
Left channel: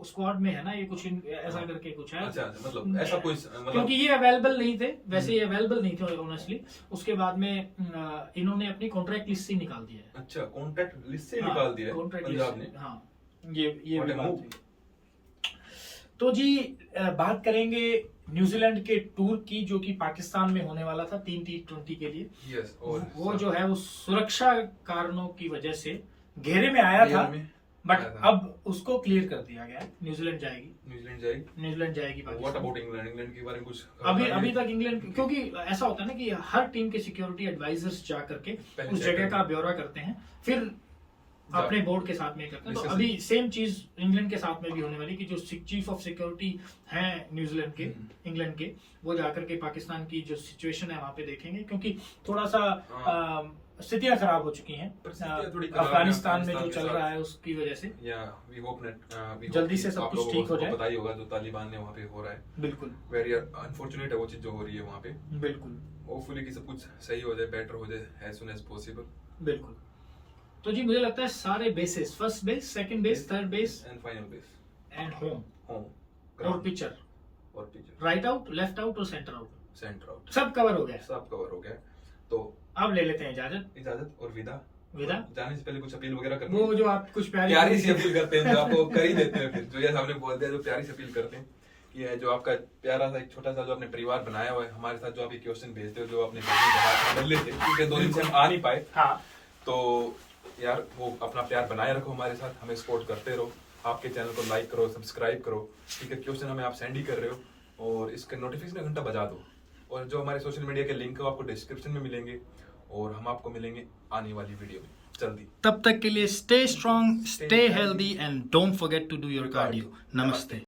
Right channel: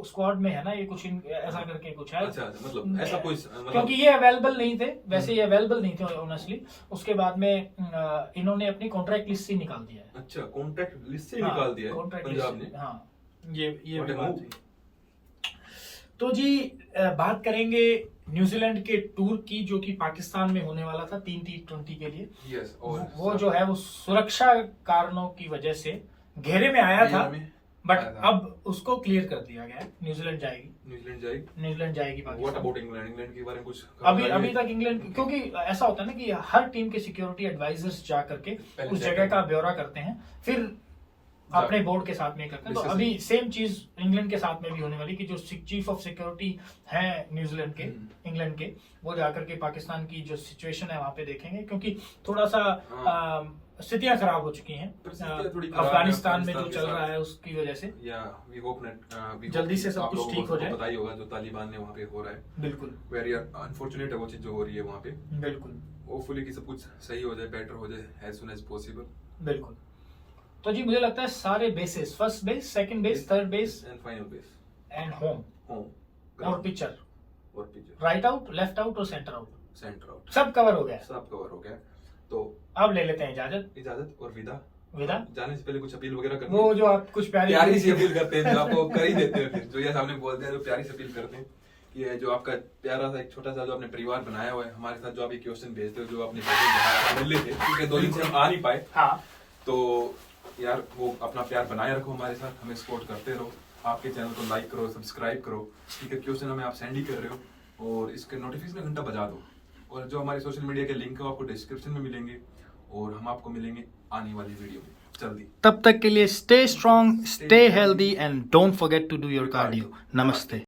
स्क्वाड में है ना, ये कुछ ऐसा करके कुछ है। अच्छा, मतलब ऐसा कोई क्योंकि ये अवेलेबल नहीं थे, वैसे ये अवेलेबल नहीं थे ऑनेस्टली। उसके बाद में इन्होंने अपनी कॉन्ट्रैक्ट लिस्ट से निकाल दिया है। अच्छा, कॉन्ट्रैक्ट लिस्ट से निकाल दिया है पंजाब ने। हाँ, ये तो जी बात करेंगे न्यूजीलैंड के टूर की, जो कि पाकिस्तान में होने वाला था 3 T20 के लिए। वो जो है वो सुरक्षा कारणों की वजह से घेरे में आया था, बट अब उसको क्लियर कर दिया गया है। न्यूजीलैंड जाएगी पाकिस्तान। व्हाट अबाउट इंग्लैंड के बारे में कुछ अभी तक इंग्लैंड, क्योंकि ऐसा होता है ना कि हर टीम के सिक्योरिटी एडवाइजर्स जा करके उस जगह का ब्यौरा करते हैं, फिर अपने बोर्ड के साथ में करते हैं। तो अभी सेम चीज इंग्लैंड के साथ में भी होने वाली कि जो चीफ ऑफ सिक्योरिटी है न्यूजीलैंड के, इंग्लैंड के, वो जाकर के पाकिस्तान की जो सिचुएशन है वहां पे देखेंगे, क्योंकि थोड़ा सा स्थितियां खराब हो चुकी हैं अफगानिस्तान में जो चल रहा है उसकी वजह से। जल्दी से सब कुछ ठीक हो जाए। पता ही होगा जो तालिबान ने वहाँ पे हो रहा है, बिल्कुल वेरी अनफॉर्चुनेट है वो चीज जो हो रही है वहाँ पे। बिल्कुल, होपफुली कि सब कुछ सही हो जाए, बेटर हो जाए एज सून एज पॉसिबल। बिल्कुल। तो जी मुझे लगता है सारे bases, first base, second base, third base and final base and home और pitcher, right out, left out और सेंटर आउट, सब कवर हो गया। तो अब ले लेते हैं इजाजत और विदा। जाने से पहले कुछ अपील वगैरह करते हैं, वो जो आप कुछ प्यारी सी अपील करते हैं जो आपको कर ही देते हैं, फिर जो ये सामने बोलते हैं, जो प्यारी सी अपील करते हैं कि ये जो आपका प्यारा सा एक छोटा सा जो आपने परिवार बनाया हुआ है हमारे साथ, जो आप ये क्वेश्चन भेजते हो, जो आपने बदले थे क्योंकि 2 दिन से हम आ नहीं पाए, तो यार वो अपना प्यार बनाए रखो हमारे साथ, हमें सपोर्ट करते रहो, आपके चैनल को लाइक करो, सब्सक्राइब करो, ठीक है। क्वेश्चन हमें आप सेंड ही कर रहे हो और इसके नोटिफिकेशन घंटा बजा दो, और जो हमारे सोशल मीडिया के लिंक है वो आपको डिस्क्रिप्शन में मिलेंगे, और हम आपको मिलेंगे आने वाली वीडियो में जल्दी। तब तक के लिए stay strong, stay healthy and don't forget to do your cardio. नमस्ते।